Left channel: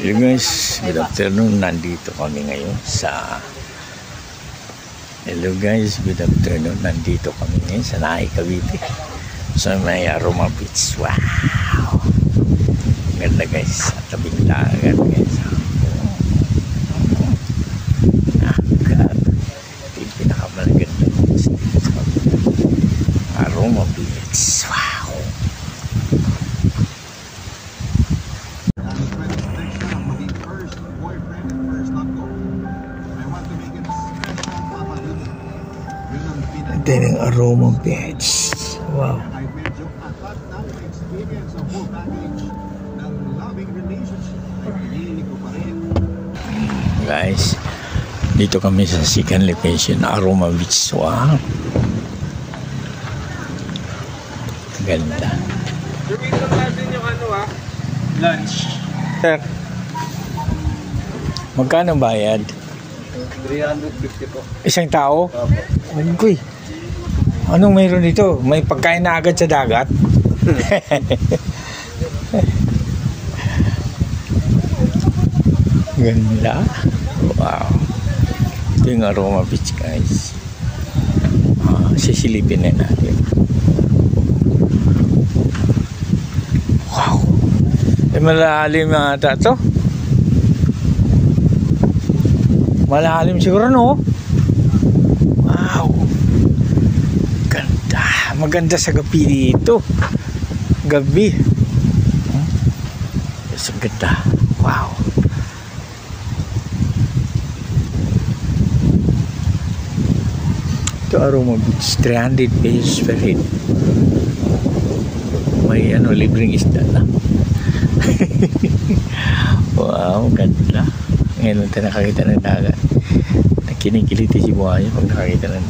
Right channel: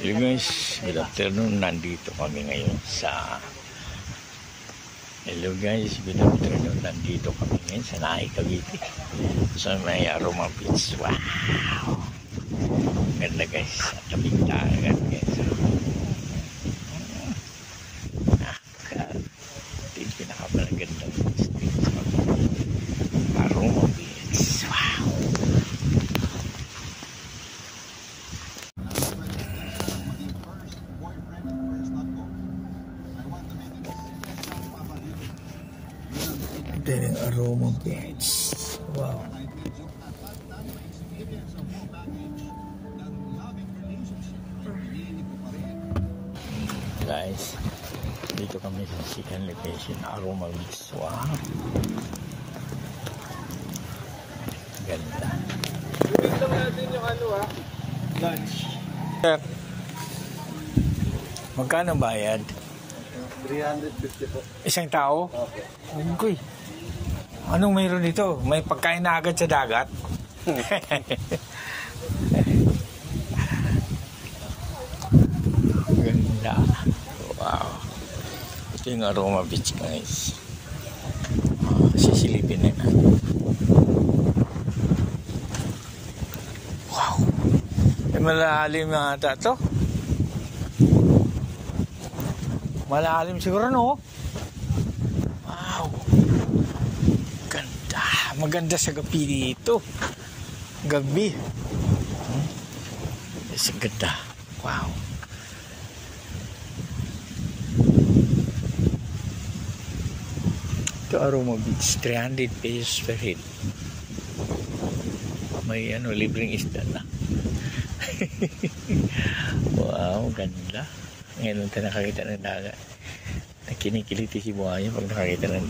Hello guys, good afternoon. Nandito kami ngayon sa Nahay, Cavite. Sa may Aroma Beach. Wow! Ganda guys. Tabing dagat guys. Yung pinakamaganda dito sa Aroma Beach. Wow! Ito yung Aroma Beach. Wow. Guys, dito kami sa second location, Aroma Beach. Wow. Ganda. Lunch. Magkano bayad? 350 po. Isang tao? Opo. Uy. Anong mayroon dito? May pagkain na agad sa dagat? Ganda. Wow. Ito yung Aroma Beach guys. Sisilipin na natin. Wow. Malalim na ata ito. Malalim siguro, no? Wow. Ganda. Maganda sa gabi dito. Gabi. Mas ganda. Wow. Ito Aroma Beach. 300 pesos per head. May libreng isda na. Wow, ganda. Ngayon lang tayo nakakita ng dagat. Nakinikiliti si buhay pag nakakita ng